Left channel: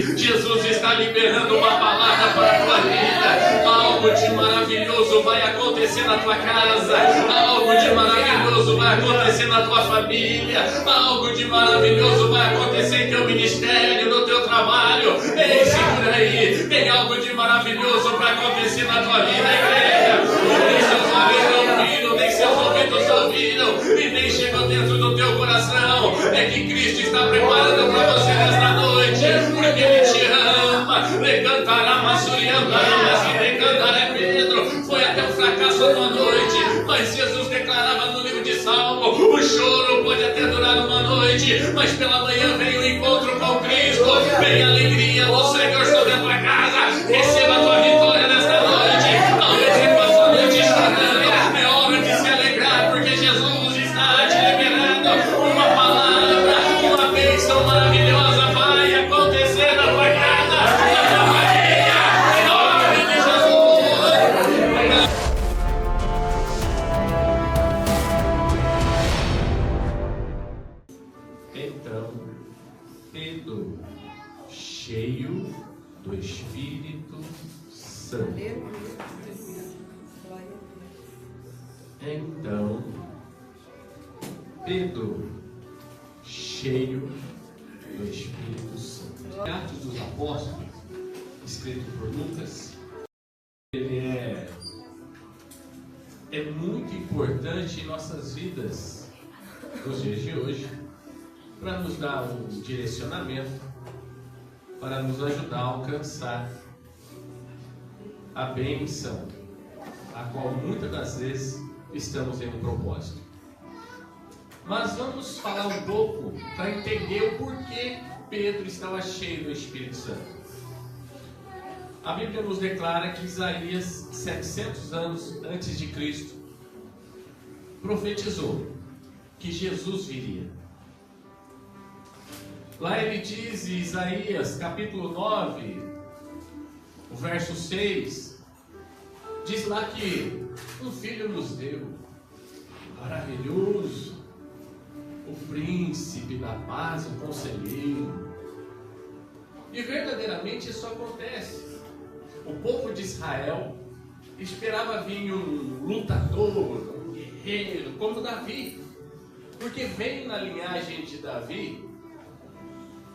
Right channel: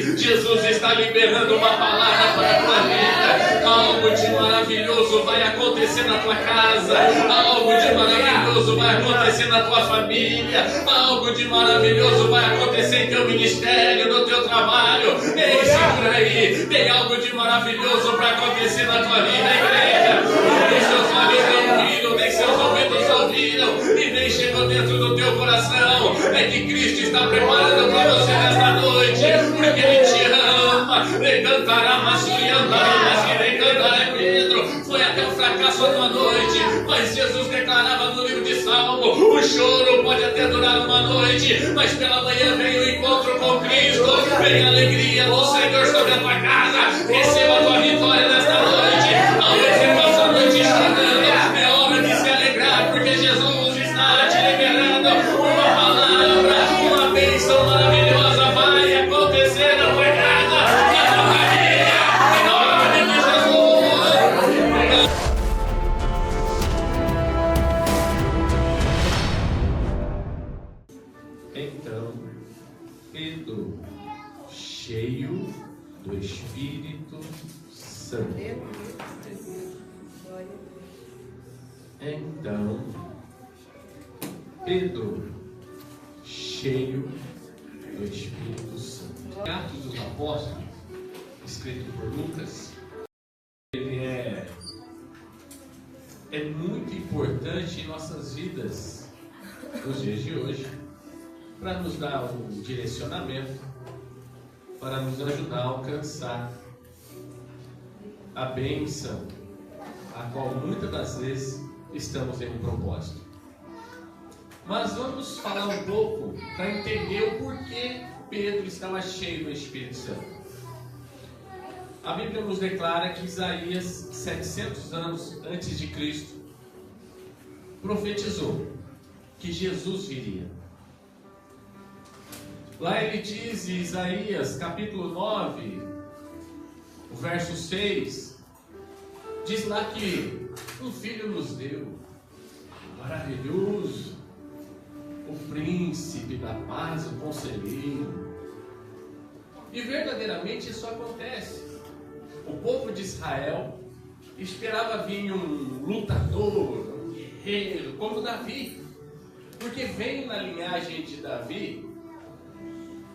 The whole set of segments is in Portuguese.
Jesus está liberando uma palavra para a tua vida. Algo de maravilhoso vai acontecer na tua casa. Algo de maravilhoso vai acontecer na tua família. Algo de maravilhoso vai acontecer em teu ministério, no teu trabalho. Ei, segura aí. Tem algo de maravilhoso para acontecer na tua vida, igreja. Nem seus olhos não viram, nem seus ouvidos ouviram, e nem chegou dentro do teu coração. É que Cristo está preparando para você nesta noite, porque Ele te ama. Lecantará, maçulhandará, lecantará, Pedro. Foi até o fracasso uma noite, mas Jesus declarava no livro de Salmo: o choro pode até durar uma noite, mas pela manhã vem o encontro com Cristo. Vem a alegria do Senhor sobre a tua casa. Receba a tua vitória nesta noite. Talvez você passe a noite chorando. É hora de se alegrar, porque Jesus está te liberando uma palavra, uma bênção maravilhosa vai acontecer na tua casa, na tua família, em nome de Jesus. Então, Pedro, cheio do Espírito Santo. Então, Pedro, cheio do Espírito Santo. Atos dos Apóstolos, escrito por Lucas, ele é muito importante em nossas vidas nos dias de hoje, para nos dar um direcionamento, para nos ajudar a alcançar a bênção, a qual muitas das vezes estamos em um propósito. Mas vamos falar um pouco para entender o porquê Pedro estava cheio do Espírito Santo. A Bíblia nos declara que Isaías, 700 anos antes de Cristo, profetizou que Jesus viria. Lá ele diz em Isaías capítulo 9, o verso 6, diz lá que um filho nos deu, maravilhoso, o príncipe da paz, o conselheiro. E verdadeiramente isso acontece. O povo de Israel esperava vir um lutador, um guerreiro, como Davi, porque veio na linhagem de Davi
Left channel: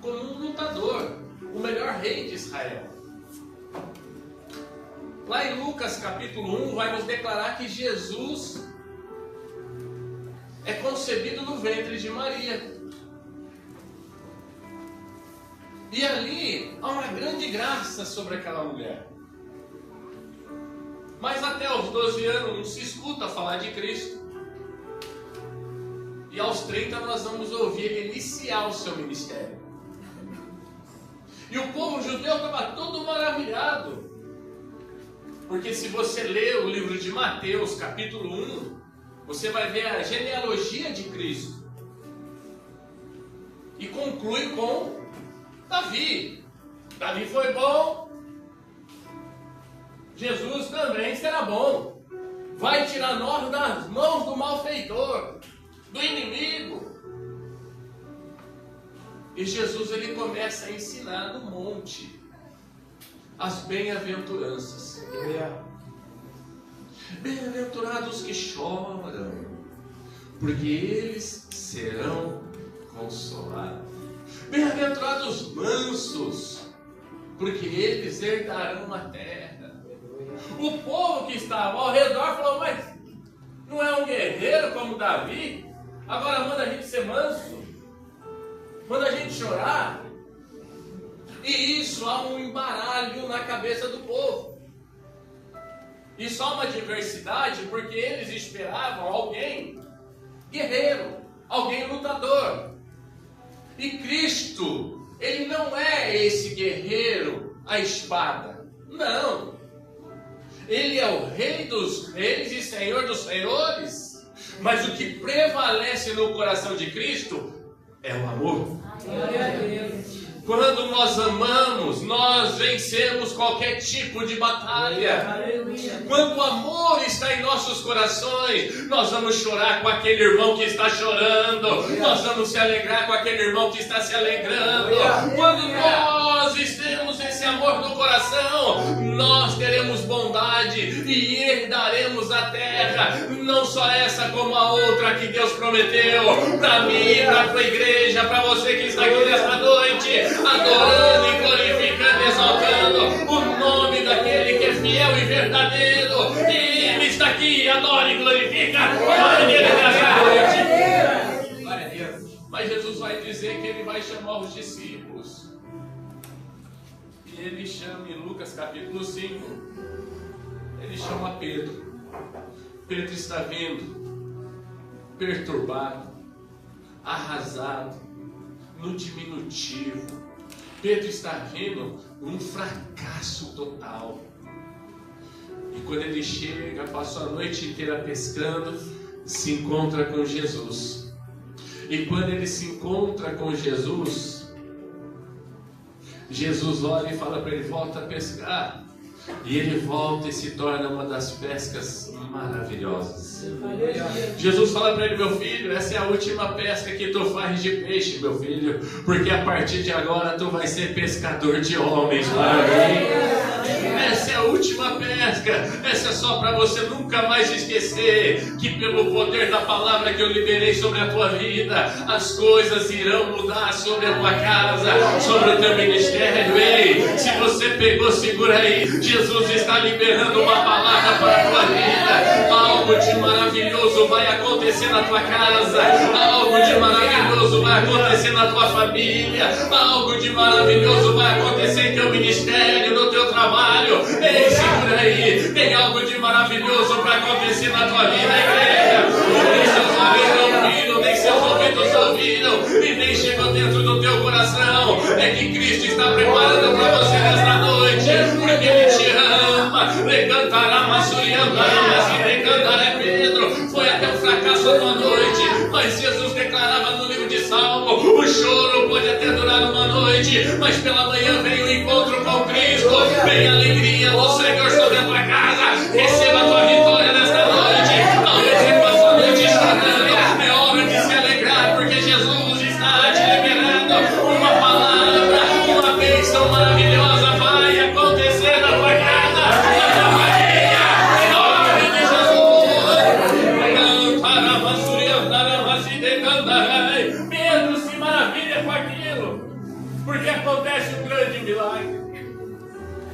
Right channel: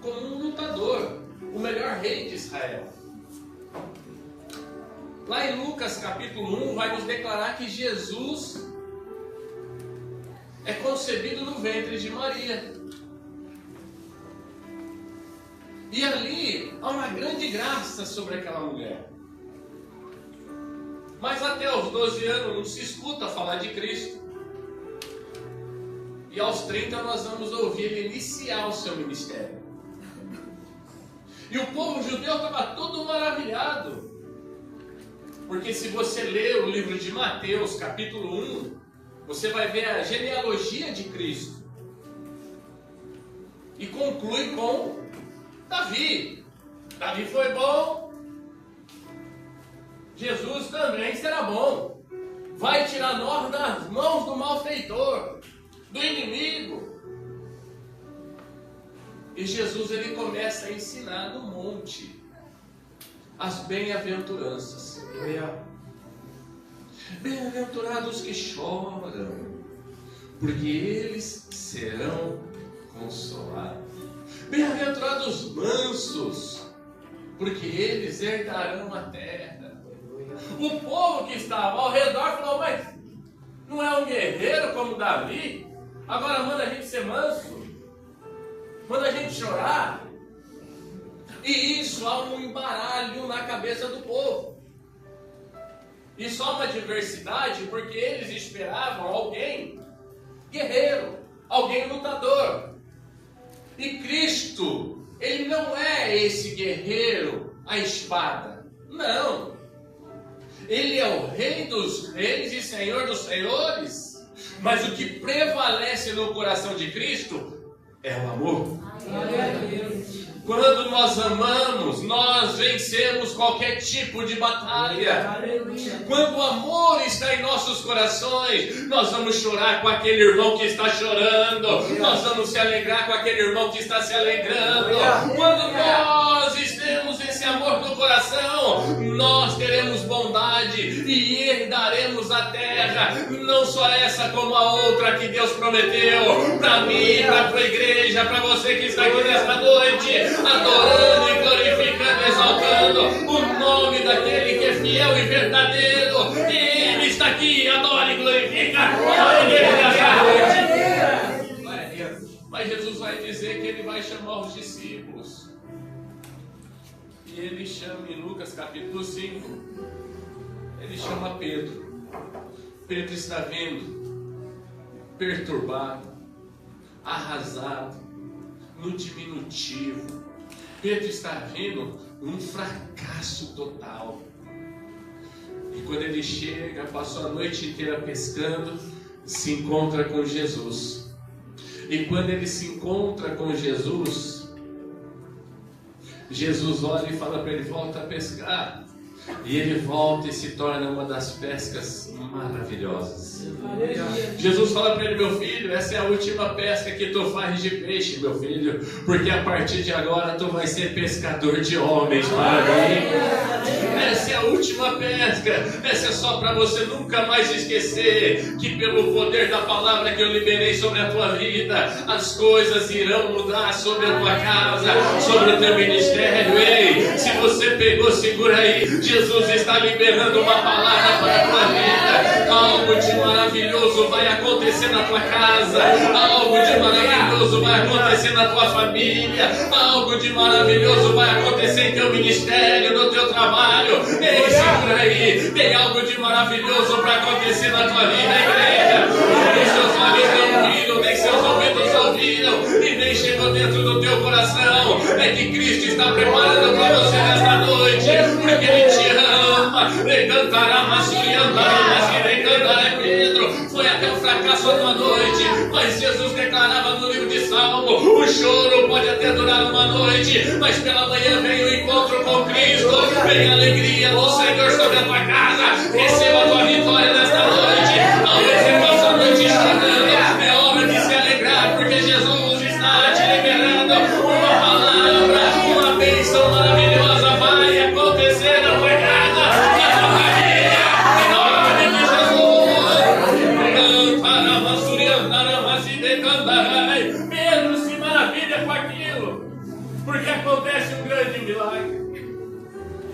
como um lutador, o melhor rei de Israel. Lá em Lucas capítulo 1 vai nos declarar que Jesus é concebido no ventre de Maria. E ali há uma grande graça sobre aquela mulher. Mas até os 12 anos não se escuta falar de Cristo. E aos 30 nós vamos ouvir ele iniciar o seu ministério. E o povo judeu estava todo maravilhado. Porque se você ler o livro de Mateus, capítulo 1, você vai ver a genealogia de Cristo. E conclui com Davi. Davi foi bom. Jesus também será bom. Vai tirar nós das mãos do malfeitor, do inimigo. E Jesus ele começa a ensinar no monte as bem-aventuranças. Bem-aventurados que choram, porque eles serão consolados. Bem-aventurados mansos, porque eles herdarão a terra. O povo que estava ao redor falou: mas não é um guerreiro como Davi? Agora manda a gente ser manso, manda a gente chorar. E isso há um embaralho na cabeça do povo. Isso há uma diversidade, porque eles esperavam alguém guerreiro, alguém lutador. E Cristo, ele não é esse guerreiro à espada. Não. Ele é o Rei dos reis e Senhor dos senhores. Mas o que prevalece no coração de Cristo é o amor. Glória a Deus. Quando nós amamos, nós vencemos qualquer tipo de batalha. Quando o amor está em nossos corações, nós vamos chorar com aquele irmão que está chorando. Nós vamos se alegrar com aquele irmão que está se alegrando. Quando nós temos esse amor no coração, nós teremos bondade e Ele daremos a terra. Não só essa como a outra que Deus prometeu para mim, para a igreja, para você que está aqui nesta noite, adorando e glorificando, exaltando o nome daquele que é fiel e verdadeiro. Ele está aqui, adora e glorifica a Ele nesta noite. Mas Jesus vai dizer que Ele vai chamar os discípulos. E Ele chama em Lucas capítulo 5, Ele chama Pedro. Pedro está vindo perturbado, arrasado, no diminutivo. Pedro está vindo um fracasso total. E quando ele chega, passou a noite inteira pescando, se encontra com Jesus. E quando ele se encontra com Jesus, Jesus olha e fala para ele: volta a pescar. E ele volta e se torna uma das pescas maravilhosas. Jesus fala para ele: meu filho, essa é a última pesca que tu faz de peixe, meu filho, porque a partir de agora tu vai ser pescador de homens para mim. Essa é a última pesca. Essa é só para você nunca mais esquecer que pelo poder da palavra que eu liberei sobre a tua vida, as coisas irão mudar sobre a tua casa, sobre o teu ministério. Ei, se você pegou, segura aí. Jesus está liberando uma palavra para a tua vida. Algo de maravilhoso vai acontecer na tua casa. Algo de maravilhoso vai acontecer na tua família. Algo de maravilhoso vai acontecer em teu ministério, no teu trabalho. Ei, segura aí. Tem algo de maravilhoso para acontecer na tua vida, igreja. Nem seus olhos não viram, nem seus ouvidos ouviram, e nem chegou dentro do teu coração. É que Cristo está preparando para você nesta noite, porque Ele te ama. Pedro foi até o fracasso uma noite, mas Jesus declarava no livro de Salmo: o choro pode até durar uma noite, mas pela manhã vem o encontro com Cristo, vem a alegria do Senhor sobre a tua casa. Receba a tua vitória nesta noite. Talvez você passe a noite chorando, é hora de se alegrar, porque Jesus está te liberando uma palavra, uma bênção maravilhosa vai acontecer na tua casa, na tua família, em nome de Jesus. Pedro se maravilha com aquilo, porque acontece um grande milagre.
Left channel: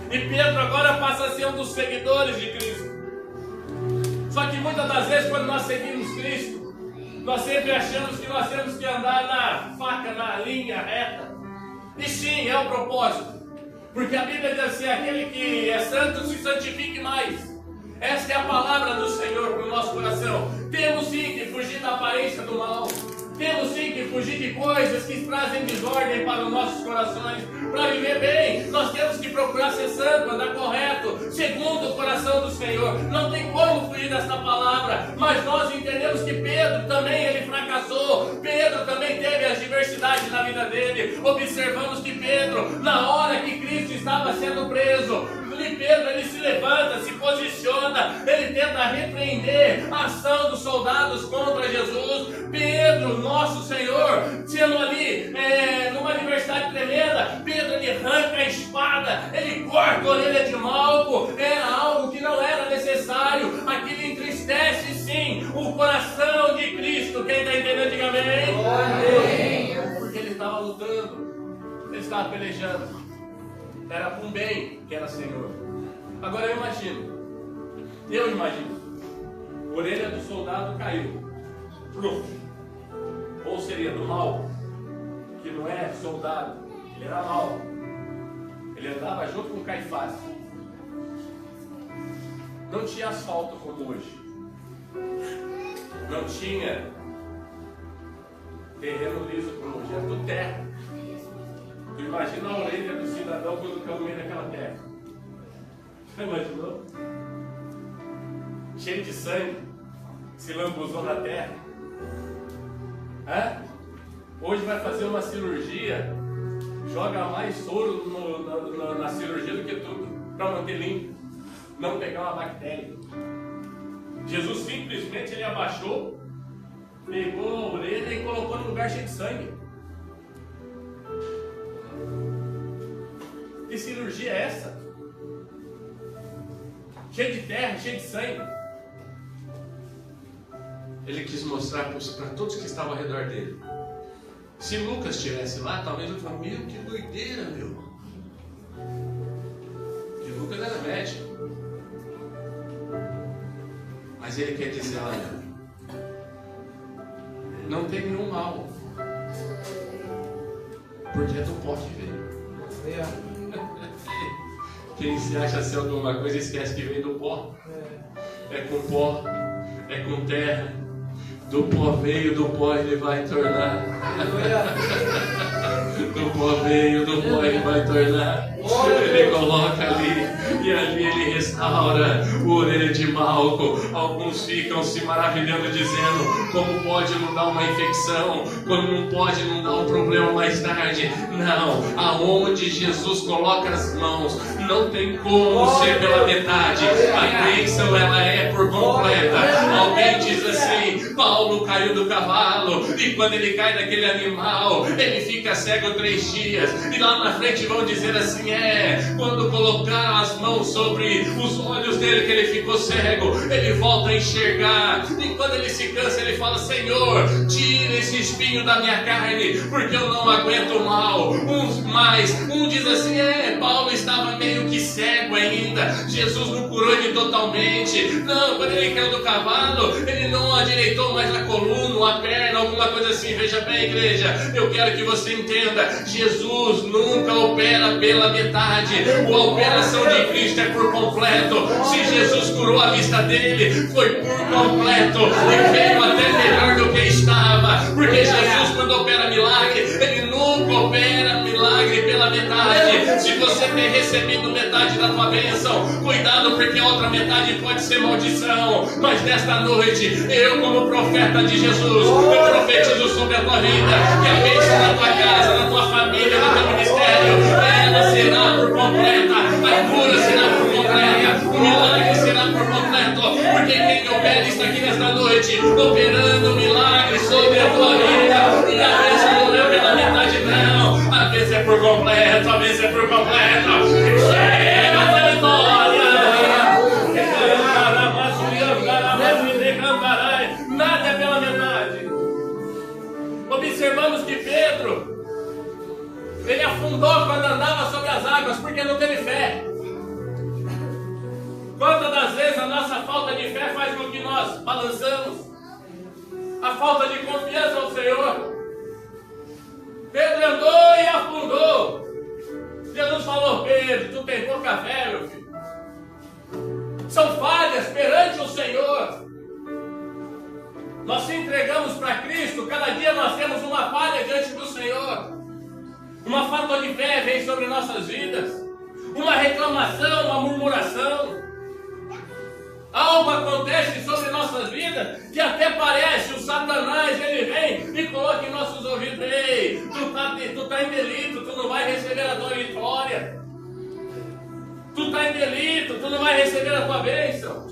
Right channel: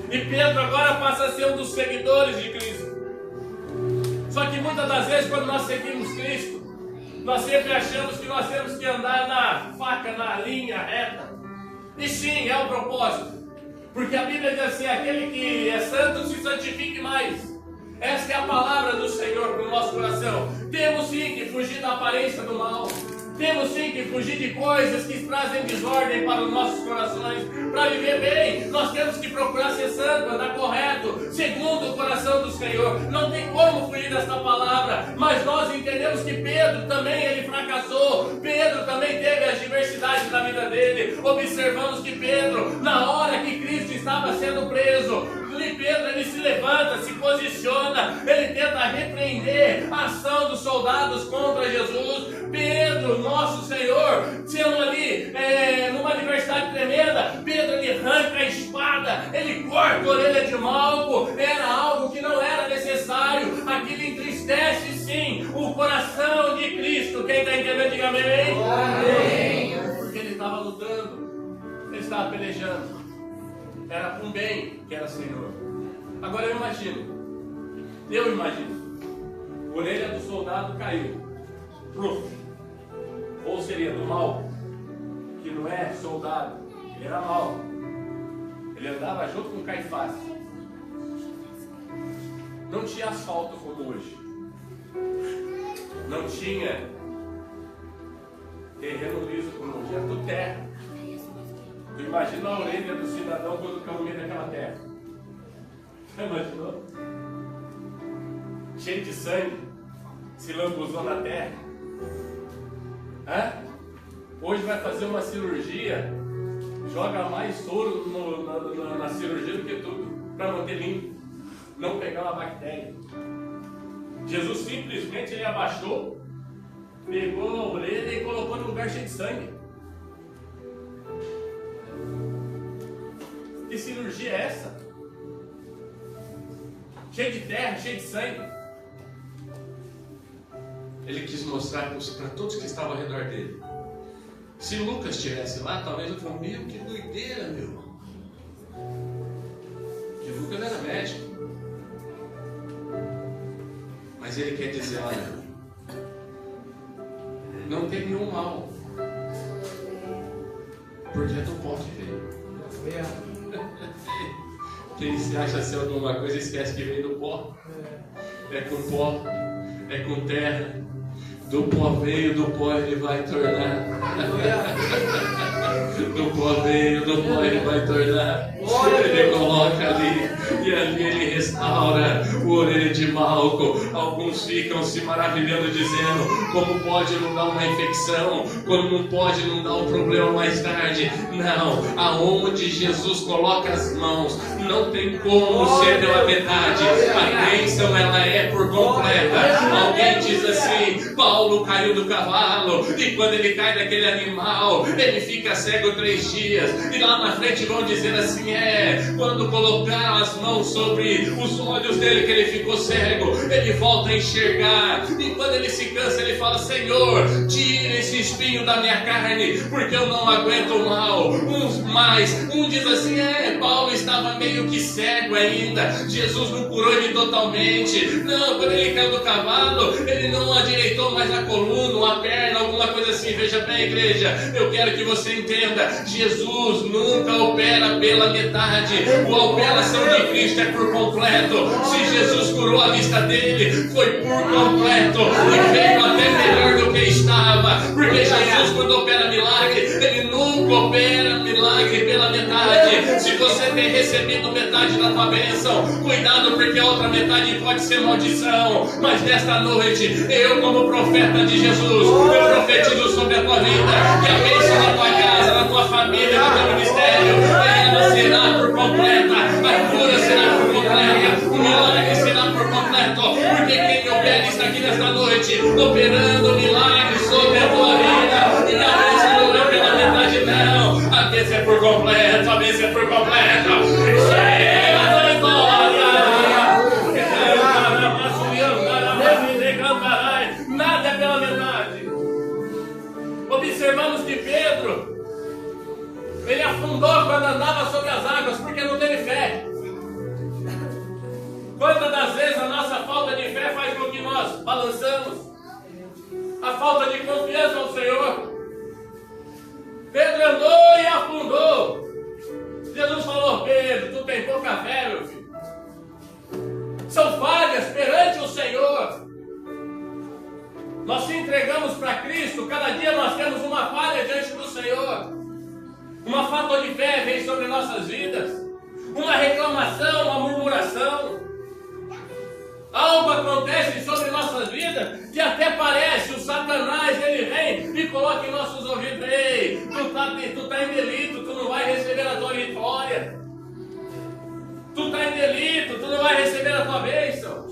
E Pedro agora passa a ser um dos seguidores de Cristo. Só que muitas das vezes, quando nós seguimos Cristo, nós sempre achamos que nós temos que andar na faca, na linha reta. E sim, é o propósito. Porque a Bíblia diz assim: aquele que é santo se santifique mais. Esta é a palavra do Senhor para o nosso coração. Temos sim que fugir da aparência do mal. Temos sim que fugir de coisas que trazem desordem para os nossos corações. Para viver bem, nós temos que procurar ser santo, andar correto, segundo o coração do Senhor. Não tem como fugir dessa palavra. Mas nós entendemos que Pedro também ele fracassou. Pedro também teve as diversidades na vida dele. Observamos que Pedro, na hora que Cristo estava sendo preso, Pedro ele se levanta, se posiciona, ele tenta repreender a ação dos soldados contra Jesus. Pedro, nosso Senhor, sendo ali numa adversidade tremenda, Pedro ele arranca a espada, ele corta a orelha de Malco. Era algo que não era necessário. Aquilo entristece sim o coração de Cristo. Quem está entendendo, diga amém. Amém. Porque ele estava lutando, ele estava pelejando. Era para um bem que era Senhor. Agora eu imagino, a orelha do soldado caiu. Ou seria do mal, que não é soldado, ele era mal. Ele andava junto com Caifás. Não tinha asfalto como hoje. Não tinha terreno liso como hoje, era tudo terra. Tu imagina a orelha do cidadão quando caiu no meio daquela terra. Você imaginou? Cheio de sangue, se lambuzou na terra. Hoje vai fazer uma cirurgia, joga mais soro na cirurgia do que tudo, para manter limpo, não pegar uma bactéria. Jesus simplesmente ele abaixou, pegou a orelha e colocou no lugar cheio de sangue. Que cirurgia é essa? Cheio de terra, cheio de sangue. Ele quis mostrar para todos que estavam ao redor dele. Se Lucas estivesse lá, talvez eu falasse, meu, que doideira, meu. Porque Lucas era médico. Mas ele quer dizer, olha, não tem nenhum mal. Porque é do pó que veio. Quem se acha ser alguma coisa esquece que veio do pó. É com pó, é com terra. Do pó veio, do pó ele vai tornar. Do pó veio, do pó ele vai tornar. Ele coloca ali, e ali ele restaura o orelha de Malco. Alguns ficam se maravilhando, dizendo como pode não dar uma infecção, como não pode não dar um problema mais tarde. Não, aonde Jesus coloca as mãos, não tem como ser pela metade. A bênção ela é por completa. Alguém diz assim, Paulo caiu do cavalo, e quando ele cai daquele animal, ele fica cego 3 dias, e lá na frente vão dizer assim, quando colocaram as mãos sobre os olhos dele que ele ficou cego, ele volta a enxergar, e quando ele se cansa, ele fala, Senhor, tira esse espinho da minha carne, porque eu não aguento mal. Um diz assim, Paulo estava meio que cego ainda, Jesus não curou ele totalmente. Não, quando ele caiu do cavalo, ele não adireitou mais a coluna, a perna, alguma coisa assim. Veja bem, igreja, eu quero que você entenda, Jesus nunca opera pela metade. A operação de Cristo é por completo. Se Jesus curou a vista dele, foi por completo, e veio até melhor do que estava, porque Jesus, quando opera milagre, ele nunca opera milagre pela metade. Se você tem recebido metade da tua bênção, cuidado, porque a outra metade pode ser maldição. Mas nesta noite, eu como profeta de Jesus, eu profetizo sobre a tua vida, que a bênção na tua casa, na tua família, no teu ministério, ela será por completa, a cura será por completa, o milagre será por completo, porque quem opera está aqui nesta noite, operando milagres sobre a tua vida, e a bênção não é pela metade não, a bênção é por completo, a bênção é por completo. Nada é pela metade. Observamos que Pedro, ele afundou quando andava sobre as águas, porque não teve fé. Quantas das vezes a nossa falta de fé faz com que nós balançamos? A falta de confiança no Senhor. Pedro andou e afundou. Jesus falou, Pedro, tu tem pouca fé, meu filho. São falhas perante o Senhor. Nós se entregamos para Cristo, cada dia nós temos uma falha diante do Senhor. Uma falta de fé vem sobre nossas vidas. Uma reclamação, uma murmuração. Algo acontece sobre nossas vidas que até parece, o Satanás, ele vem e coloca em nossos ouvidos, ei, tu tá em delito, tu não vai receber a tua vitória. Tu está em delito, tu não vai receber a tua bênção.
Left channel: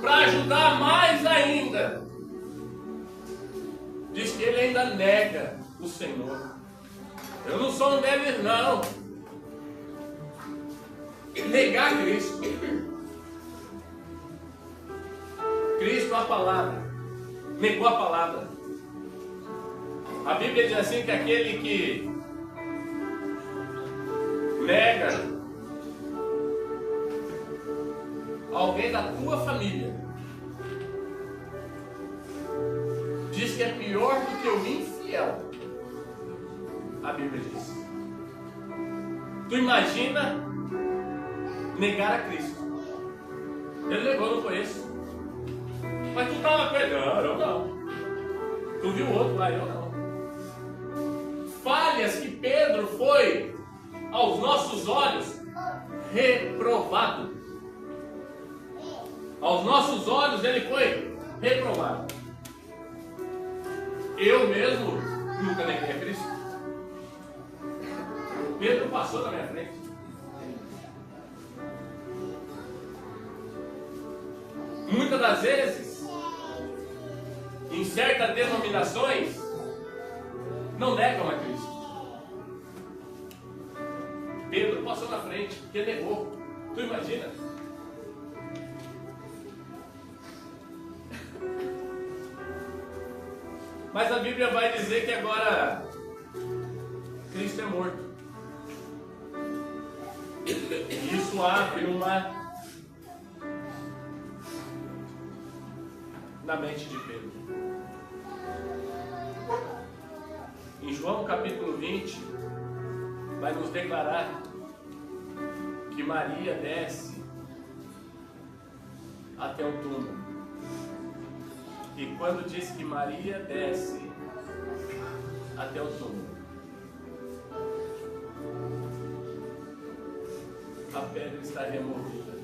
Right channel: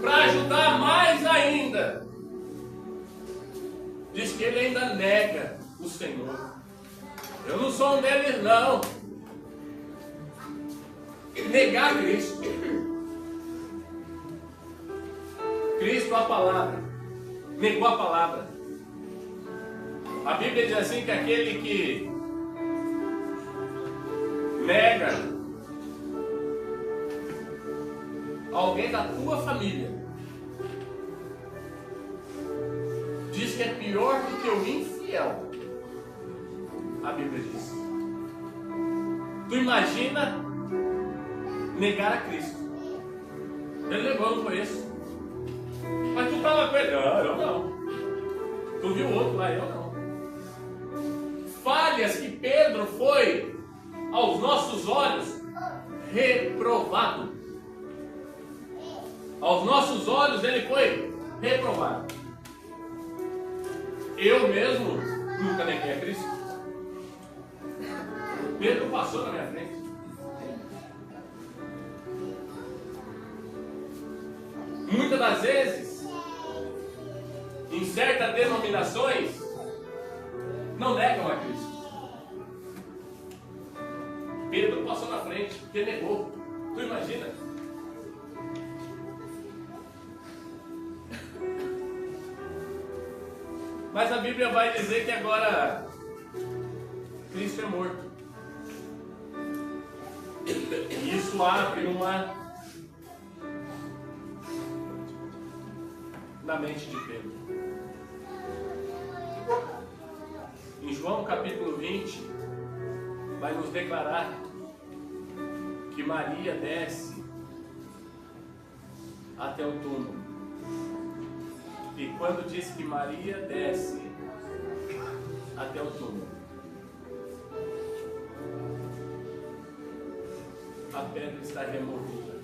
Para ajudar mais ainda, diz que ele ainda nega o Senhor. Eu não sou um deles, não. Negar Cristo. Cristo, a palavra. Negou a palavra. A Bíblia diz assim que aquele que nega alguém da tua família, diz que é pior do que o infiel. A Bíblia diz. Tu imagina negar a Cristo. Ele negou, não foi isso? Mas tu estava com ele. Não, eu não. Tu viu o outro lá, eu não. Falhas que Pedro foi aos nossos olhos reprovado. Aos nossos olhos ele foi reprovado. Eu mesmo nunca neguei a Cristo. Pedro passou na minha frente. Muitas das vezes, em certas denominações, não negam a Cristo. Pedro passou na frente, porque negou. Tu imagina? Mas a Bíblia vai dizer que agora Cristo é morto. E isso abre uma na mente de Pedro. Em João capítulo 20, vai nos declarar que Maria desce até o túmulo. E quando diz que Maria desce até o túmulo, a pedra está removida.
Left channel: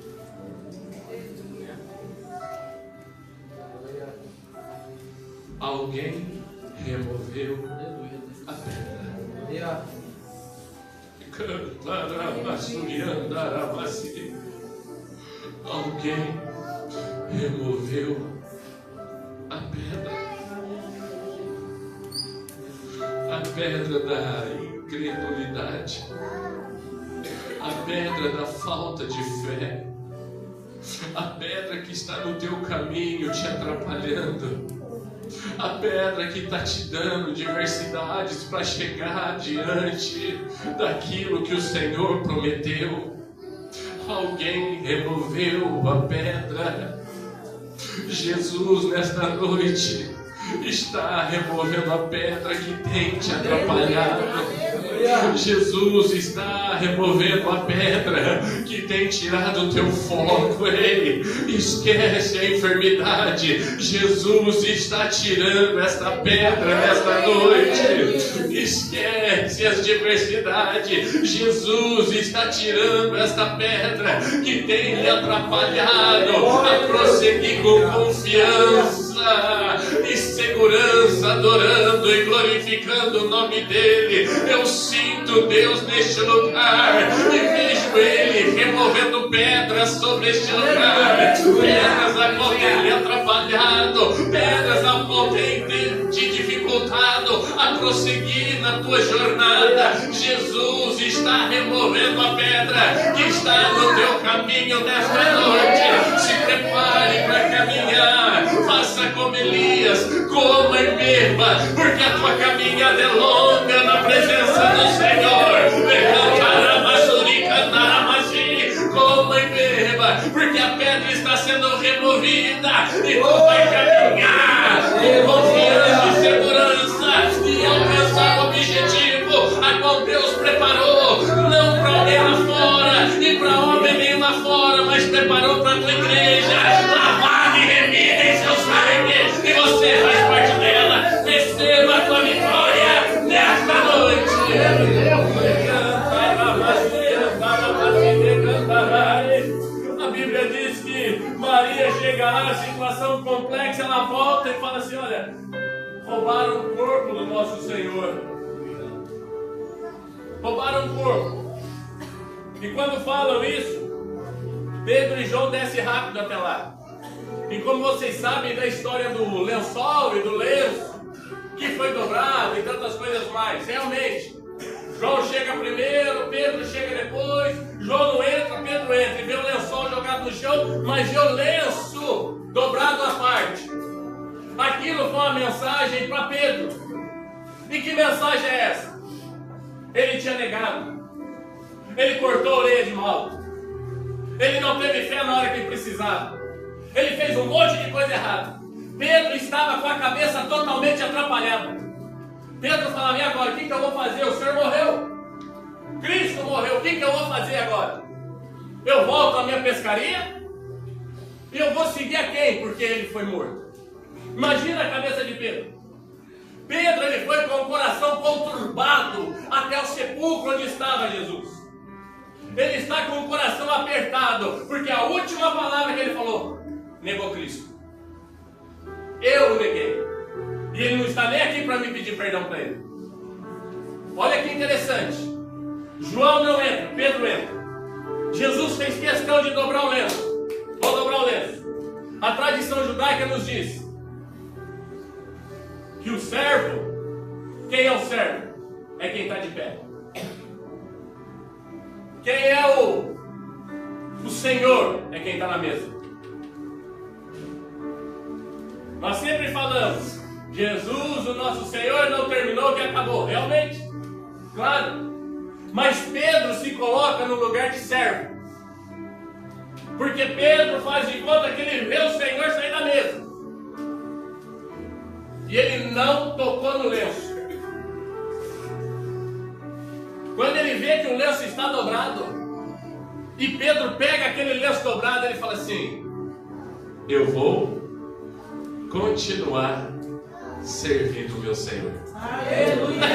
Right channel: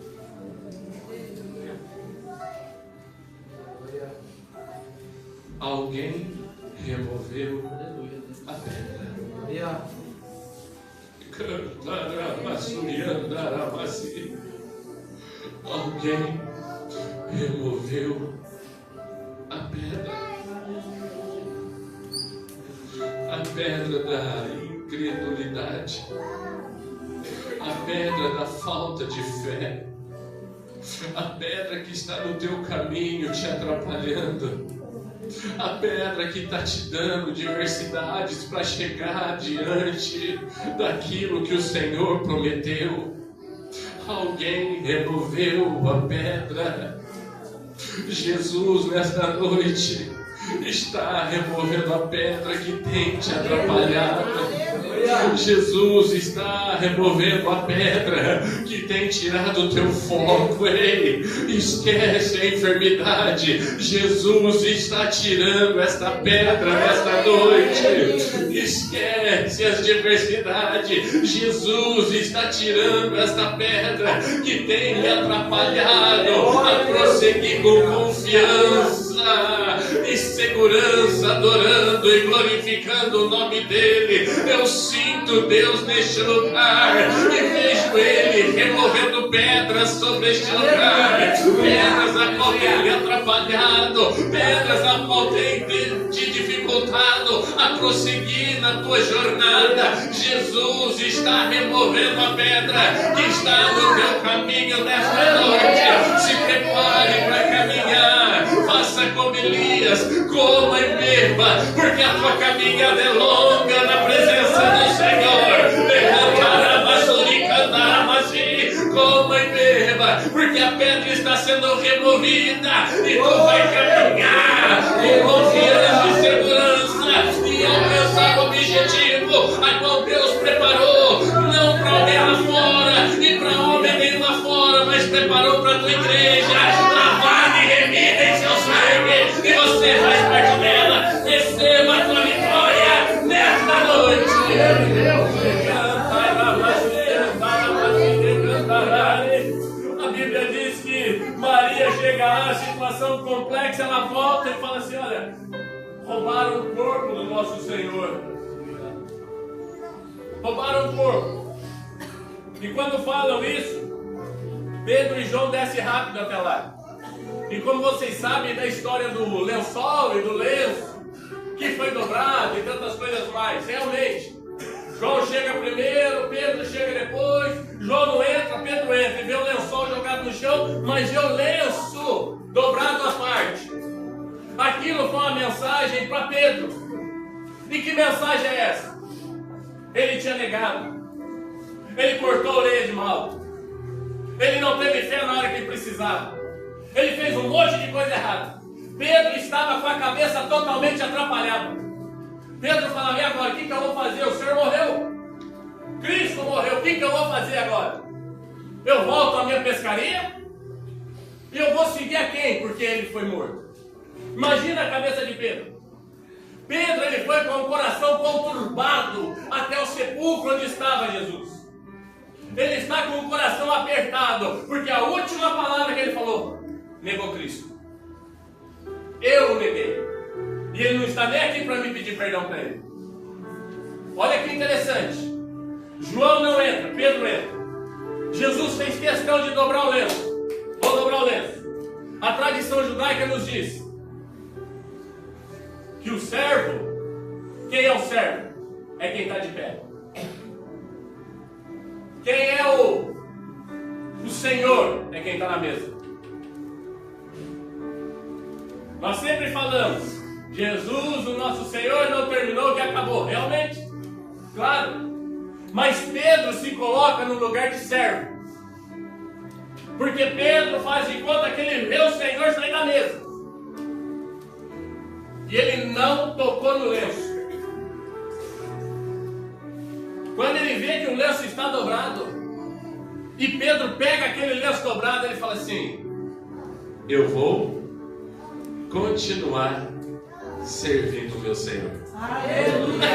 Alguém removeu a pedra. Alguém removeu a pedra. A pedra da incredulidade. A pedra da falta de fé. A pedra que está no teu caminho te atrapalhando. A pedra que está te dando diversidades para chegar diante daquilo que o Senhor prometeu. Alguém removeu a pedra. Jesus, nesta noite, está removendo a pedra que tem te atrapalhado. Jesus está removendo a pedra que tem tirado o teu foco. Ei, esquece a enfermidade. Jesus está tirando esta pedra nesta noite. Esquece as diversidades. Jesus está tirando esta pedra que tem me atrapalhado a prosseguir com confiança e segurança, adorando e glorificando o nome dele. Eu sinto Deus neste lugar e vejo ele removendo pedras sobre este lugar, pedras a qual tem me atrapalhado, pedras a qual tem te dificultado a prosseguir na tua jornada. Jesus está removendo a pedra que está no teu caminho nesta noite. Se prepare para caminhar, faça como Elias, coma e beba, porque a tua caminhada é longa na presença do Senhor. Levantará, masuri, cantará, masi, coma e beba, porque a pedra está sendo removida e tu vai caminhar com confiança e segurança e alcançar o objetivo a qual Deus preparou, não para alguém lá fora e para homem nenhum lá fora, mas preparou para a tua igreja, lavada e remida em seu sangue, e você faz parte dela. Receba a tua vitória nesta noite. A Bíblia diz que Maria chega lá, situação complexa, ela volta e fala assim: olha, roubaram o corpo do nosso Senhor. Roubaram o corpo. E quando falam isso, Pedro e João descem rápido até lá. E como vocês sabem da história do lençol e do lenço, que foi dobrado e tantas coisas mais, realmente, João chega primeiro, Pedro chega depois, João não entra, Pedro entra e vê o lençol jogado no chão, mas vê o lenço dobrado à parte. Aquilo foi uma mensagem para Pedro. E que mensagem é essa? Ele tinha negado, ele cortou a orelha de mal, ele não teve fé na hora que ele precisava, ele fez um monte de coisa errada. Pedro estava com a cabeça totalmente atrapalhada. Pedro falava: e agora? O que eu vou fazer? O Senhor morreu, Cristo morreu, o que eu vou fazer agora? Eu volto à minha pescaria? E eu vou seguir a quem? Porque ele foi morto. Imagina a cabeça de Pedro. Pedro, ele foi com o coração conturbado até o sepulcro onde estava Jesus. Ele está com o coração apertado, porque a última palavra que ele falou, negou Cristo. Eu o neguei. E ele não está nem aqui para me pedir perdão para ele. Olha que interessante. João não entra, Pedro entra. Jesus fez questão de dobrar o lenço. Vou dobrar o lenço. A tradição judaica nos diz que o servo, quem é o servo? É quem está de pé. Quem é o Senhor? É quem está na mesa. Nós sempre falamos, Jesus, o nosso Senhor, não terminou, que acabou. Realmente, claro. Mas Pedro se coloca no lugar de servo. Porque Pedro faz de conta que ele vê o Senhor sair da mesa. E ele não tocou no lenço. Quando ele vê que o lenço está dobrado, e Pedro pega aquele lenço dobrado, ele fala assim: eu vou continuar servindo o meu Senhor. Aleluia!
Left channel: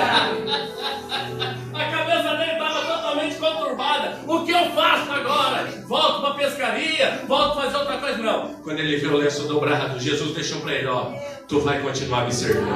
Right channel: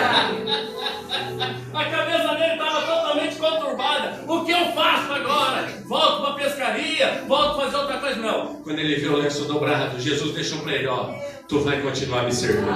A cabeça dele estava totalmente conturbada. O que eu faço agora? Volto para a pescaria? Volto a fazer outra coisa? Não. Quando ele viu o lenço dobrado, Jesus deixou para ele: ó, tu vai continuar me servindo.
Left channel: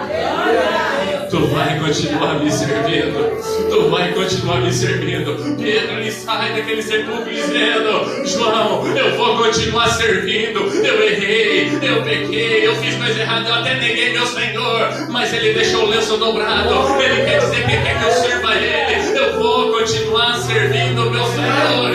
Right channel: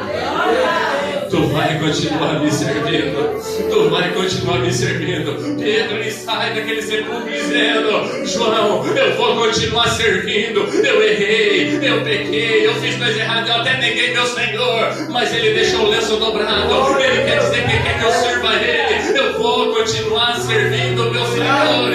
Tu vai continuar me servindo. Tu vai continuar me servindo. Pedro, ele sai daquele sepulcro dizendo: João, eu vou continuar servindo. Eu errei, eu pequei, eu fiz coisa errada, eu até neguei meu Senhor. Mas ele deixou o lenço dobrado. Ele quer dizer que ele quer que eu sirva ele. Eu vou continuar servindo meu Senhor.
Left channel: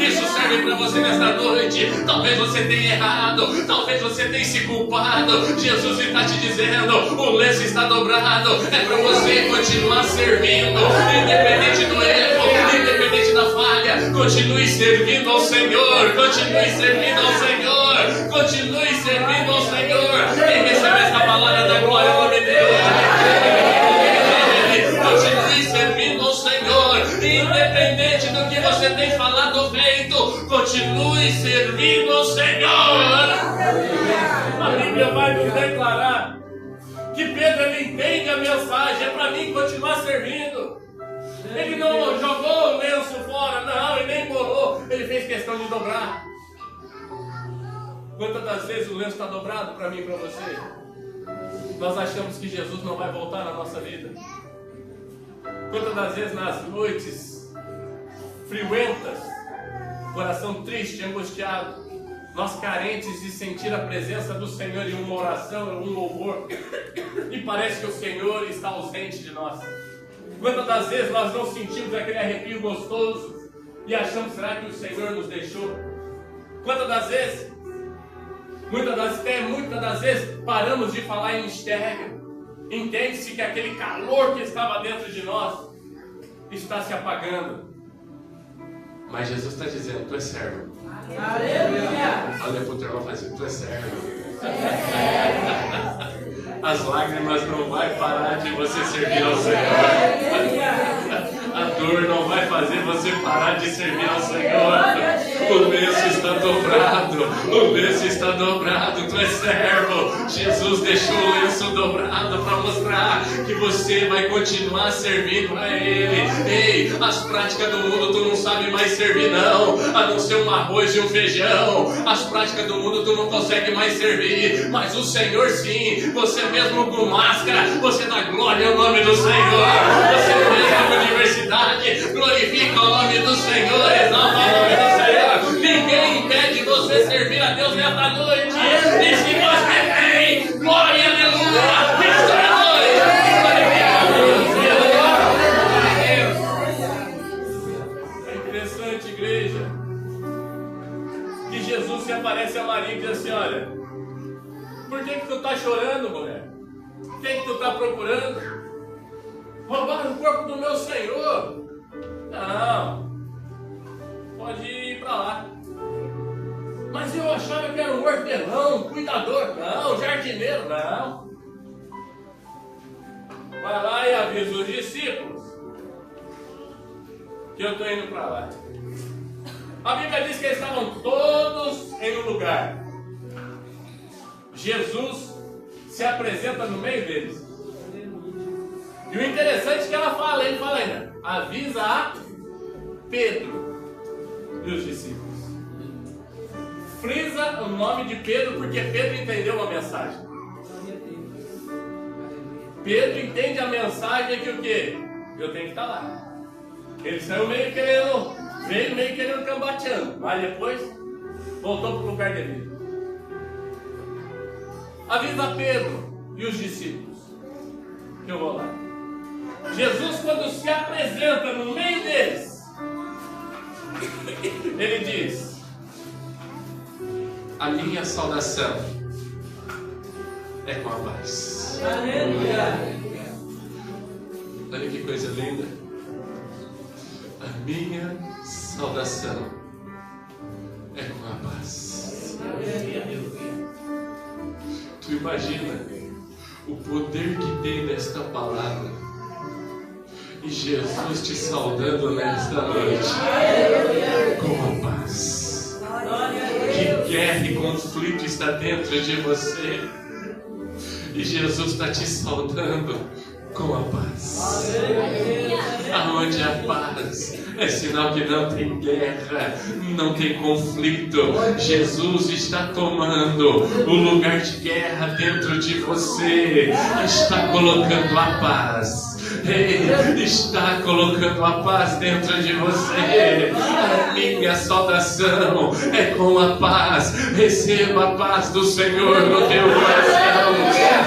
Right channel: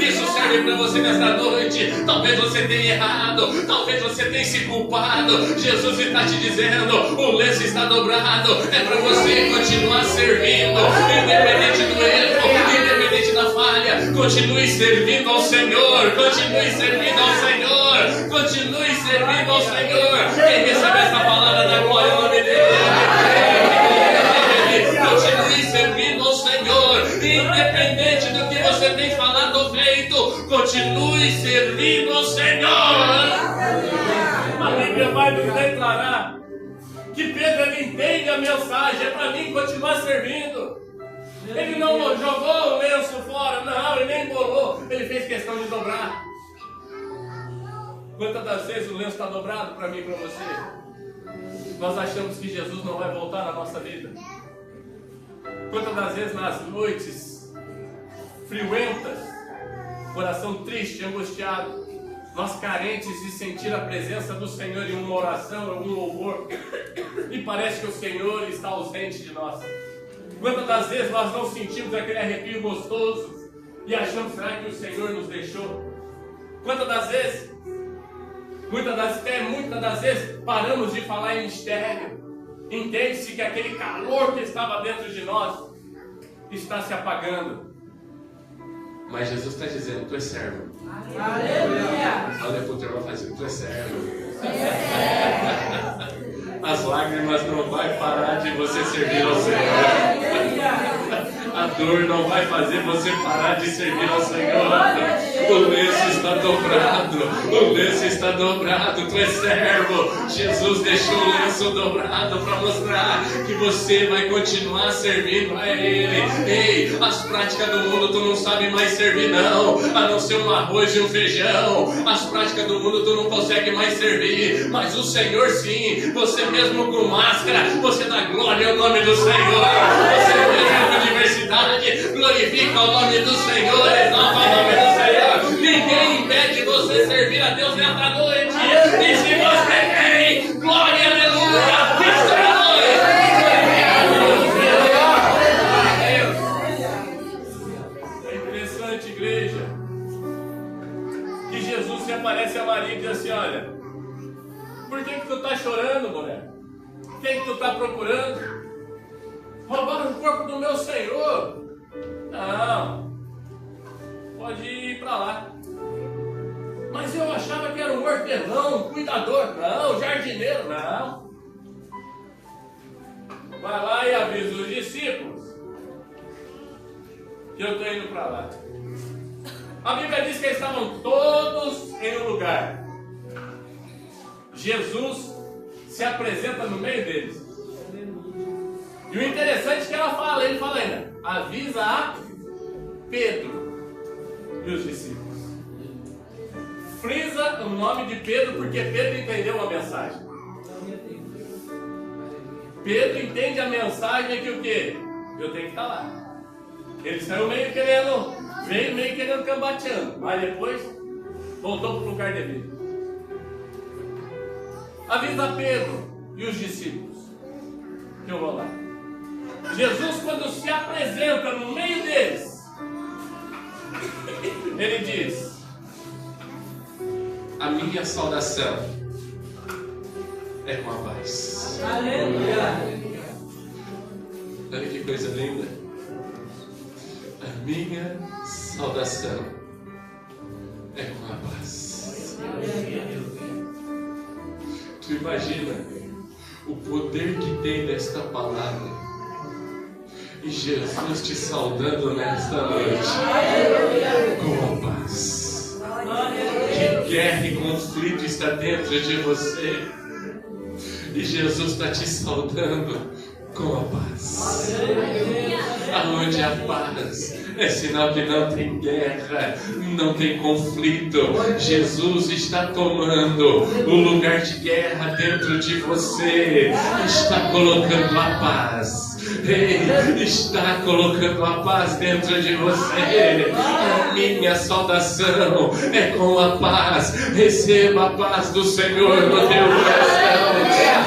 Isso serve para você nesta noite. Talvez você tenha errado, talvez você tenha se culpado. Jesus está te dizendo: o lenço está dobrado. É para você continuar servindo, independente do erro, independente da falha. Continue servindo ao Senhor. Continue servindo ao Senhor. Continue servindo ao Senhor. Quem recebe essa palavra da glória ao nome dele? Continue servindo ao Senhor, independente do que você tem falado ou feito. Continue servindo ao Senhor. A Bíblia vai nos declarar que Pedro, ele entende a mensagem. É para mim continuar servindo. Ele não jogou o lenço fora, não, ele nem embolou. Ele fez questão de dobrar. Quantas das vezes o lenço está dobrado para mim e para você? Nós achamos que Jesus não vai voltar na nossa vida. Quantas das vezes nas noites friuentas, coração triste, angustiado, nós carentes de sentir a presença do Senhor em uma oração, em um louvor, e parece que o Senhor está ausente de nós. Quantas das vezes nós não sentimos aquele arrepio gostoso e achamos, será que o Senhor nos deixou? Quantas das vezes, muitas das vezes paramos de falar em mistério. Entende-se que aquele calor que estava dentro de nós está se apagando. Mas Jesus está dizendo: tu és servo. Aleluia! Olha para o teu irmão fazendo: tu és servo. As lágrimas não vão parar de você servir ao Senhor. A dor não vai fazer você parar de servir ao Senhor. O lenço está dobrado. O lenço está dobrado. Tu és servo. Jesus deixou o lenço dobrado para mostrar que você vai continuar servindo a Ele. Ei, as práticas do mundo tu não sabe mais servir, não. A não ser um arroz e um feijão. As práticas do mundo tu não consegue mais servir. Mas o Senhor sim. Você mesmo com máscara, você dá glória ao nome do Senhor. Você mesmo na universidade, glorifica o nome do Senhor, exalta o nome do Senhor. Ninguém impede você servir a Deus nesta noite. E se você tem, glória, aleluia, é interessante, igreja, que Jesus se aparece a Maria e diz assim: olha, por que tu está chorando, mulher? Quem que tu está procurando? Roubaram o corpo do meu Senhor. Não, pode ir para lá. Mas eu achava que era um hortelão, um cuidador. Não, jardineiro. Não. Vai lá e avisa os discípulos que eu estou indo para lá. A Bíblia diz que eles estavam todos em um lugar. Jesus se apresenta no meio deles. E o interessante é que ele fala ainda: avisa a Pedro e os discípulos. Frisa o nome de Pedro, porque Pedro entendeu a mensagem. Pedro entende a mensagem que o quê? Eu tenho que estar lá. Ele saiu veio meio querendo cambateando, mas depois voltou para o lugar devido. Avisa Pedro e os discípulos que eu vou lá. Jesus, quando se apresenta no meio deles, ele diz: a minha saudação é com a paz. Aleluia. Olha que coisa linda. A minha saudação é com a paz. Tu imagina o poder que tem nesta palavra. E Jesus te saudando nesta noite com a paz. Que guerra e conflito está dentro de você. E Jesus está te saudando com a paz. Aonde há paz é sinal que não tem guerra, não tem conflito. Jesus está tomando o lugar de guerra dentro de você. Está colocando a paz. Ele está colocando a paz dentro de você. A minha saudação é com a paz. Receba a paz do Senhor no teu coração.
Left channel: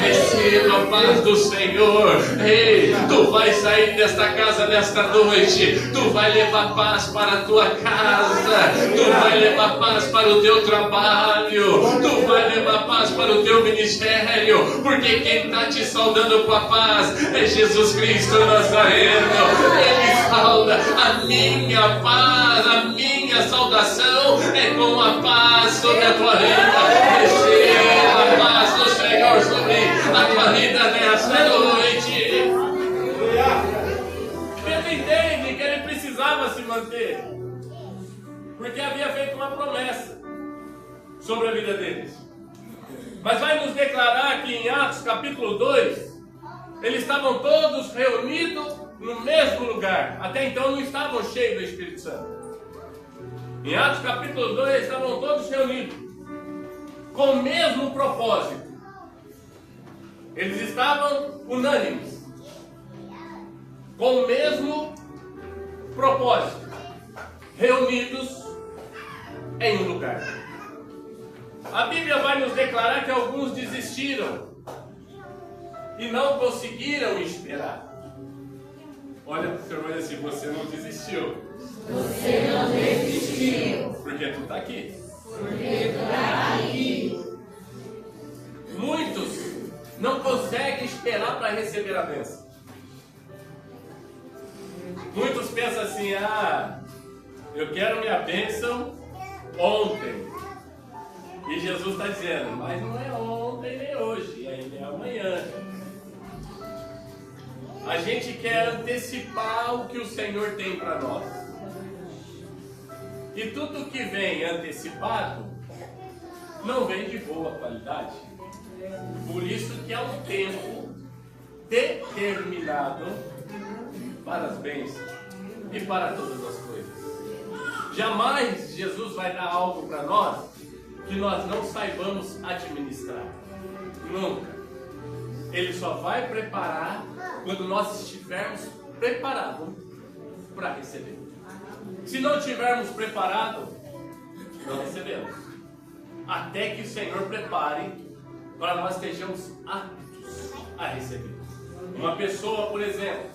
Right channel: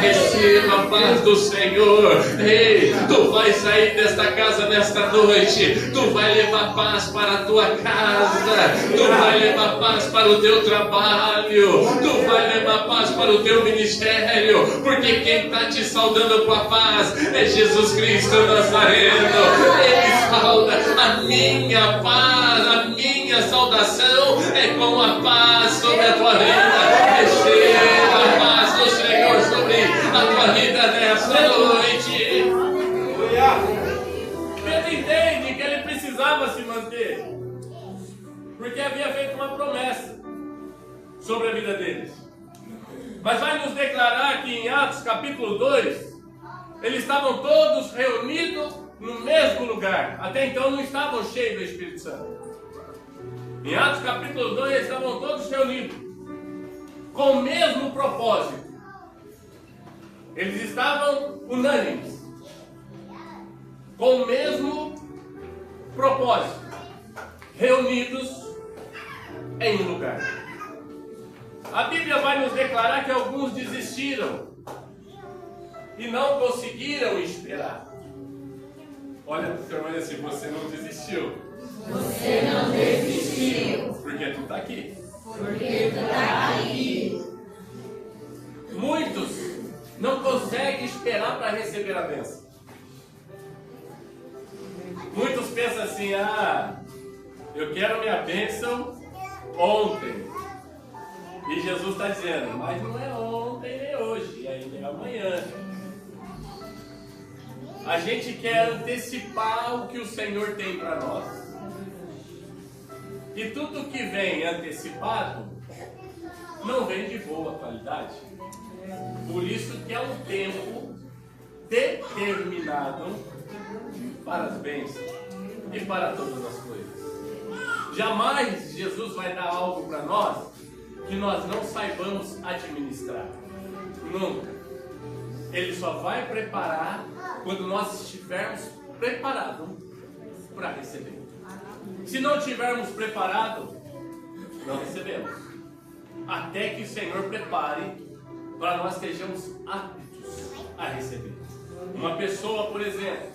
Receba a paz do Senhor. Ei, tu vai sair desta casa nesta noite. Tu vai levar paz para a tua casa. Tu vai levar paz para o teu trabalho. Tu vai levar paz para o teu ministério. Porque quem está te saudando com a paz é Jesus Cristo Nazareno. Ele sauda a minha paz. A minha saudação é com a paz sobre a tua vida. Receba a paz do Senhor sobre a tua vida nesta noite. Pedro entende que ele precisava se manter, porque havia feito uma promessa sobre a vida deles. Mas vai nos declarar que em Atos capítulo 2, eles estavam todos reunidos no mesmo lugar. Até então não estavam cheios do Espírito Santo. Em Atos capítulo 2, eles estavam todos reunidos com o mesmo propósito. Eles estavam unânimes, com o mesmo propósito, reunidos em um lugar. A Bíblia vai nos declarar que alguns desistiram e não conseguiram esperar. Olha para o seu irmão e assim: você não desistiu. Você não desistiu. Porque tu está aqui. Porque tu está aqui. Muitos não conseguem esperar para receber a bênção. Muitos pensam assim: eu quero minha bênção ontem. E Jesus está dizendo: mas não é ontem nem hoje, ainda é amanhã. A gente quer antecipar o que o Senhor tem para nós. E tudo que vem antecipado não vem de boa qualidade. Por isso que é um tempo determinado para as bênçãos e para todas as coisas. Jamais Jesus vai dar algo para nós que nós não saibamos administrar. Nunca. Ele só vai preparar quando nós estivermos preparados para receber. Se não estivermos preparados, não recebemos. Até que o Senhor prepare para nós sejamos aptos a receber. Uma pessoa, por exemplo,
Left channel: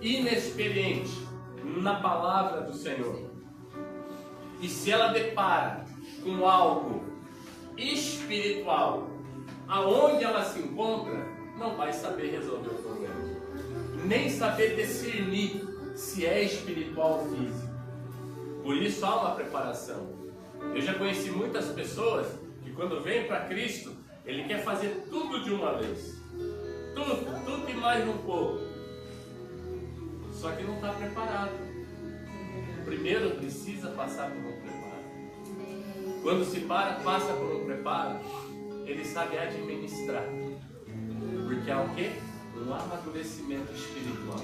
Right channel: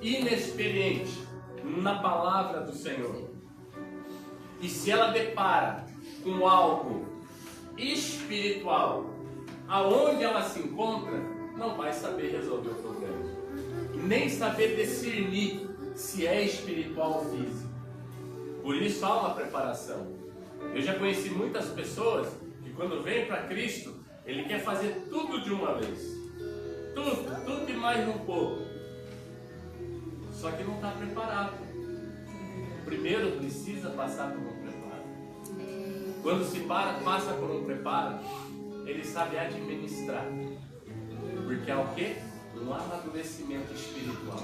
inexperiente na palavra do Senhor, e se ela depara com algo espiritual, aonde ela se encontra, não vai saber resolver o problema, nem saber discernir se é espiritual ou físico. Por isso há uma preparação. Eu já conheci muitas pessoas que quando vêm para Cristo, ele quer fazer tudo de uma vez. Tudo e mais um pouco. Só que não está preparado. Primeiro precisa passar por um preparo. Quando se passa por um preparo, ele sabe administrar. Porque é o quê? Um amadurecimento espiritual.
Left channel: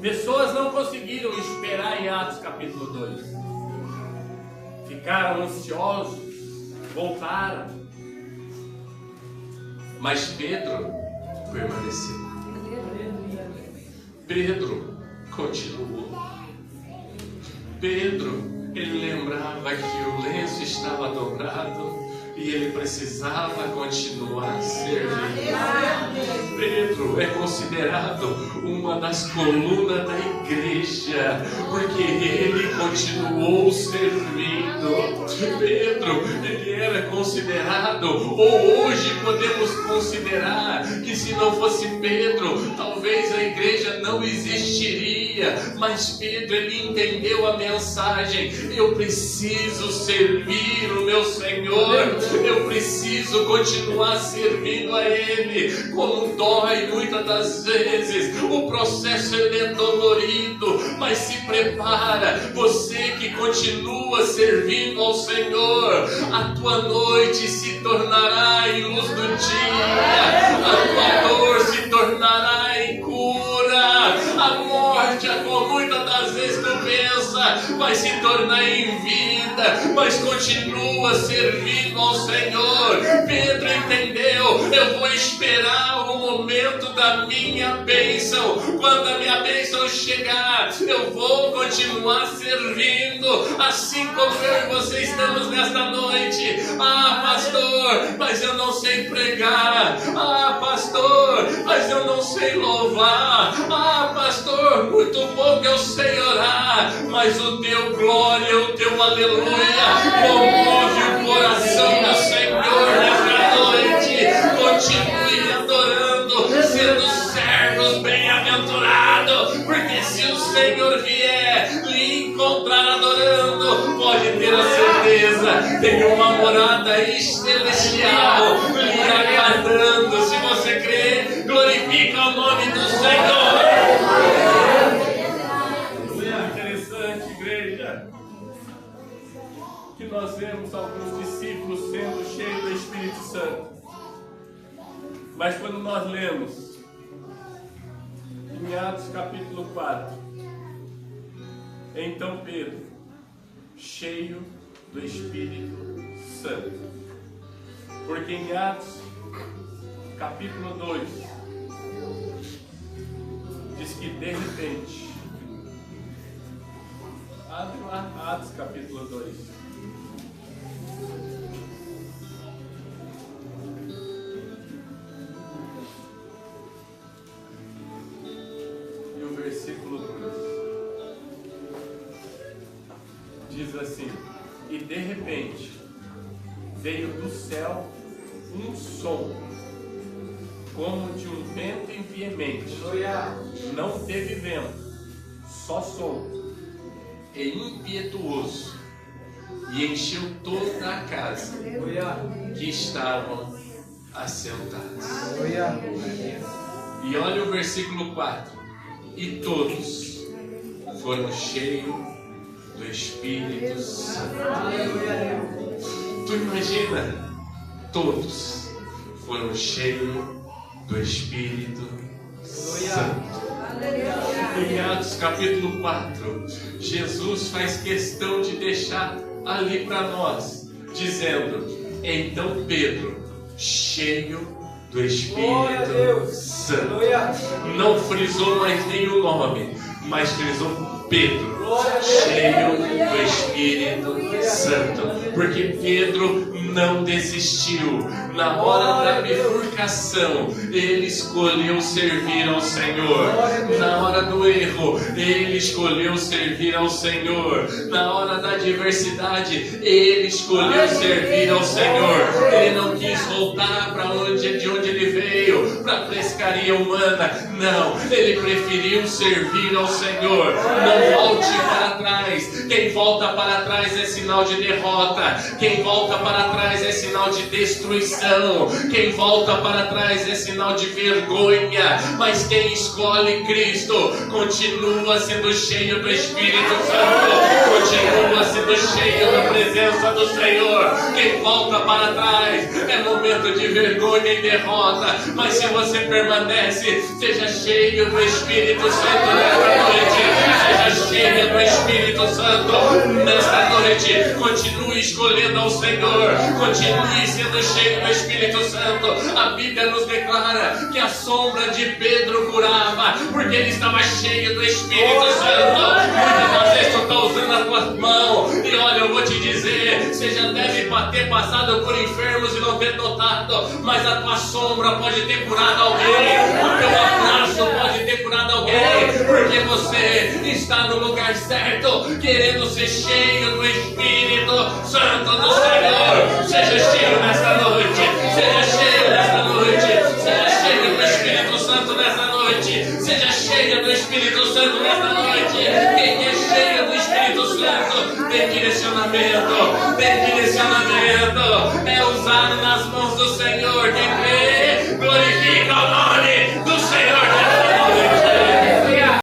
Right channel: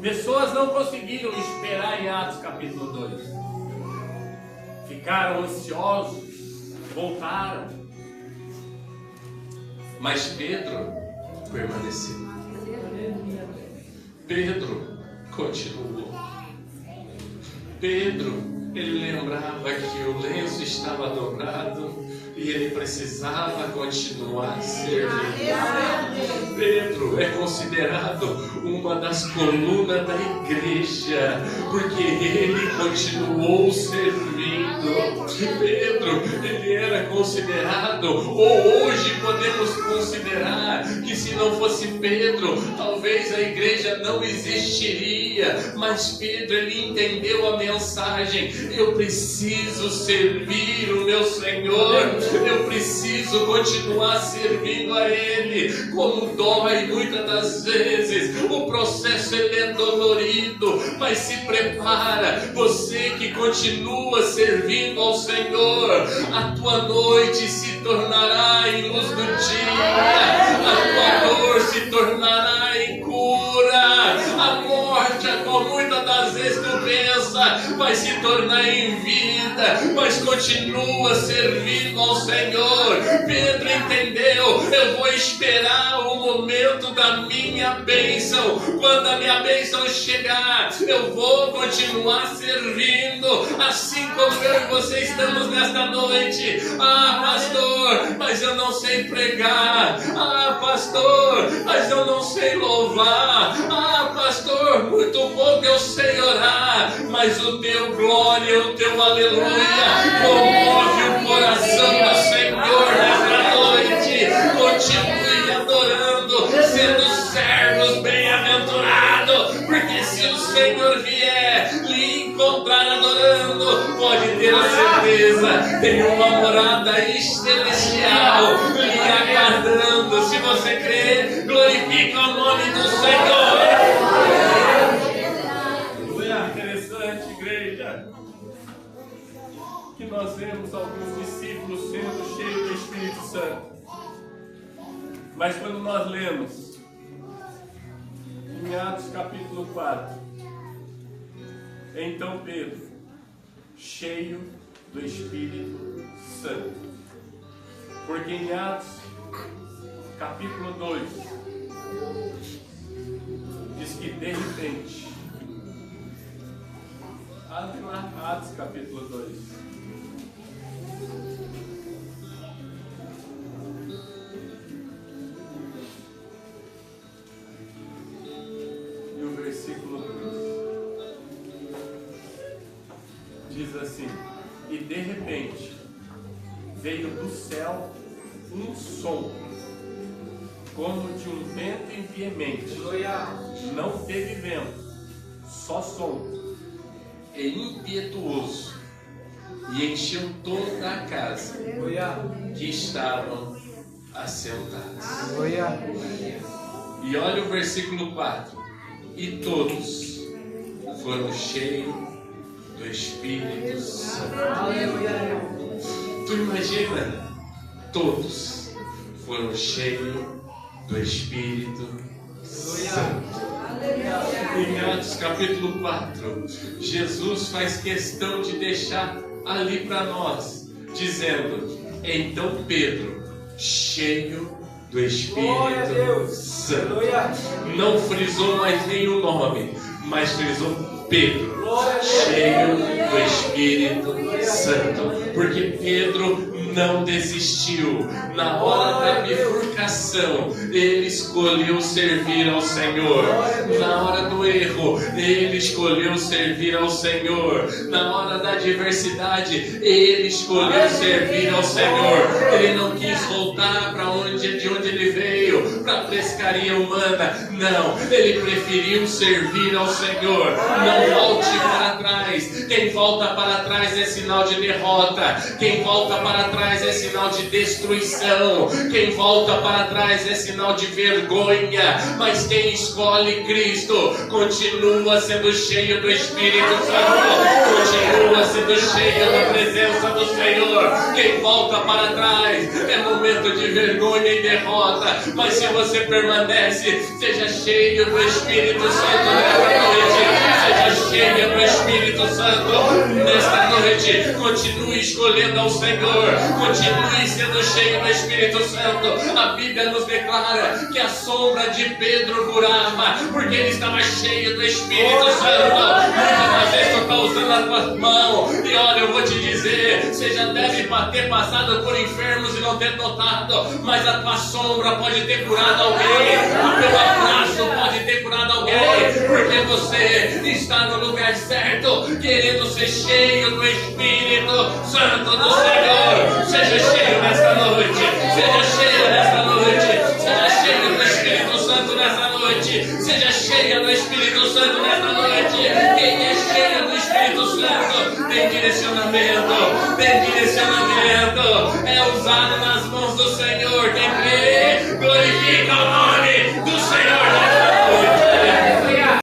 Pessoas não conseguiram esperar em Atos capítulo 2. Ficaram ansiosos, voltaram. Mas Pedro permaneceu. Pedro continuou. Pedro, ele lembrava que o lenço estava dobrado e ele precisava continuar servindo. Pedro é considerado uma das colunas da igreja, porque ele continuou servindo. Pedro, ele era considerado, ou hoje podemos considerar, que se não fosse Pedro, talvez a igreja não existiria. Mas Pedro, ele entendeu a mensagem: eu preciso servir o meu Senhor, eu preciso continuar servindo a Ele. Como dói muitas das vezes, o processo ele é dolorido, mas se prepara, você que continua servindo ao Senhor, a tua noite se tornará em luz do dia, a tua dor se tornará em cura, a morte, como muitas das vezes tu pensa, vai se tornar em vida, mas continua servindo ao Senhor. Pedro entendeu: eu vou esperar o momento da minha bênção. Quando a minha bênção chegar, eu vou continuar servindo, assim como eu e você estamos nesta noite. Ah, pastor, mas eu não sei pregar. Ah, pastor, mas eu não sei louvar. Ah, pastor, muito pouco eu sei orar, mas o teu glória, o teu aleluia comove o coração do Senhor nesta noite. Continue adorando, sendo servos bem-aventurados, porque se o Senhor vier lhe encontrar adorando, pode ter a certeza, tem uma morada celestial lhe aguardando. Se você crê, glorifica o nome do Senhor. É interessante, igreja, que nós vemos alguns discípulos sendo cheios do Espírito Santo. Mas quando nós lemos em Atos capítulo 4, então Pedro, cheio do Espírito Santo. Porque em Atos capítulo 2 diz que de repente, abre lá Atos capítulo 2. Versículo 2 diz assim: e de repente veio do céu um som como de um vento veemente, não teve vento, só som, e impetuoso, e encheu toda a casa que estavam assentados. E olha o versículo 4: e todos foram cheios do Espírito Santo. Tu imagina? Todos foram cheios do Espírito Santo. Em Atos capítulo 4, Jesus faz questão de deixar ali para nós, dizendo: então Pedro, cheio do Espírito Santo. Não frisou mais nenhum nome, mas frisou Pedro, cheio do Espírito Santo. Porque Pedro não desistiu. Na hora da bifurcação, ele escolheu servir ao Senhor. Na hora do erro, ele escolheu servir ao Senhor. Na hora da adversidade, ele escolheu servir ao Senhor. Ele não quis voltar para de onde ele veio, para a pescaria humana. Não, ele preferiu servir ao Senhor. Não volte para trás. Quem volta para trás é sinal de derrota. Quem volta para trás é sinal de destruição. Quem volta para trás é sinal de vergonha. Mas quem escolhe Cristo continua sendo cheio do Espírito Santo, continua sendo cheio da presença do Senhor. Quem volta para trás é momento de vergonha e derrota. Mas se você permanece, seja cheio do Espírito Santo nesta noite. Seja cheia do Espírito Santo nesta noite. Continue escolhendo ao Senhor. Continue sendo cheio do Espírito Santo. A Bíblia nos declara que a sombra de Pedro curava, porque ele estava cheio do Espírito Santo. Muitas vezes tu está usando a tua ter passado por enfermos e não ter notado, mas a tua sombra pode ter curado alguém, o teu abraço pode ter curado alguém, porque você está no lugar certo, querendo ser cheio do Espírito Santo do Senhor. Seja cheio nesta noite, seja cheio nesta noite, seja cheio do Espírito Santo nesta noite, seja cheio do Espírito Santo nesta noite. Quem é cheio do Espírito Santo tem direcionamento,